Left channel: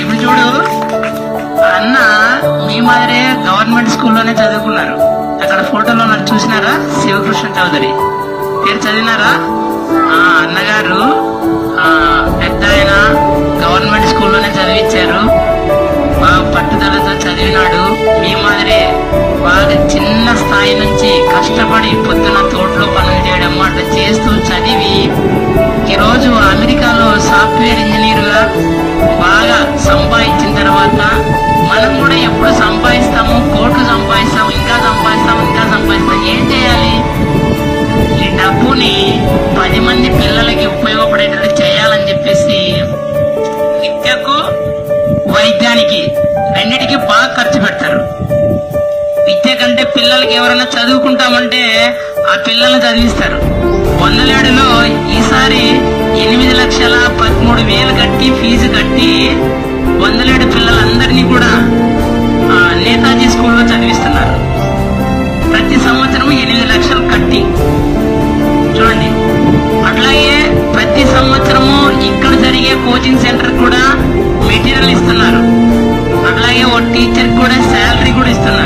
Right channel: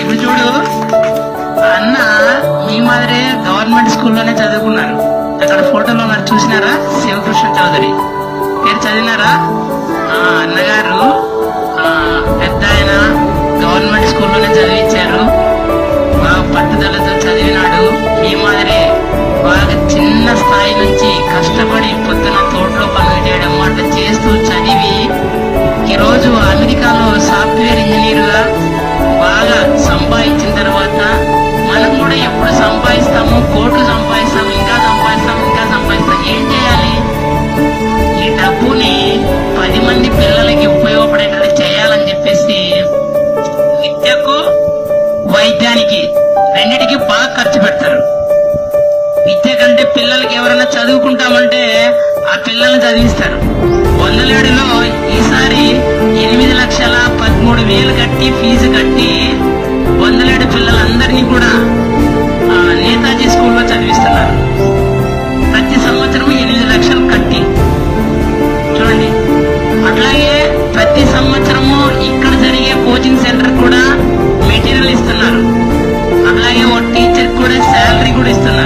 ఇప్పుడు చూడు, అన్న ఈ మాదిరే గవర్నమెంట్ స్కూల్లోనే చదువుకున్నారు. అక్కడ ఫోటోలో నాకు చూసినారా, శివకృష్ణ చౌదరి మీరు చదివినారా? అన్నగారు పెద్దలైన గవర్నమెంట్ స్కూల్లోనే చదివించారు. పట్టుదలతో చదివినాడు. ఈ మాదిరే బాగా చిన్న స్థాయి నుంచి కష్టపడి పొద్దున తోటలో పనులు చేయడం మాట చేస్తూ చదివి ఈరోజు అమెరికాలో సాఫ్ట్వేర్ ఇంజనీర్ గా బాగా సంపాదించిన తర్వాత మనం కూడా ఎప్పుడు సంపాదిస్తాము, కోట్లు సంపాదిస్తాము, ఇంకా సంపాదిస్తాం, ఏం చేయాలి? ఈ డబ్బుని 10 మంది పిల్లలకి ఉపయోగపడేటట్టు చేయాలని చెప్పేసి విద్యకు వైద్యానికి రెండిటికి బాగా ఖర్చు పెట్టారు. విద్య కంటే పిల్లలకి ఎవరైనా చదువుకుంటామంటే ఆ పిల్లల్ని చదివిస్తారు. 100,000లో ఈసారి 8,13,000 కట్టి ఫీజు కట్టి 100,000 పిల్లలందరినీ కూడా నేతాజీ స్కూల్లో చదివిస్తున్నారు. ప్రతి సంవత్సరం 8 లక్షలు కట్టి చూడండి. అట్లాగే ప్రతి సంవత్సరము ఇక్కడ జరిగే కోచింగ్ సెంటర్ కూడా మెటీరియల్ ఇస్తున్నారు. అట్లాగే ఒక టీచర్ కూడా శాలరీ కూడా ఇస్తున్నారు.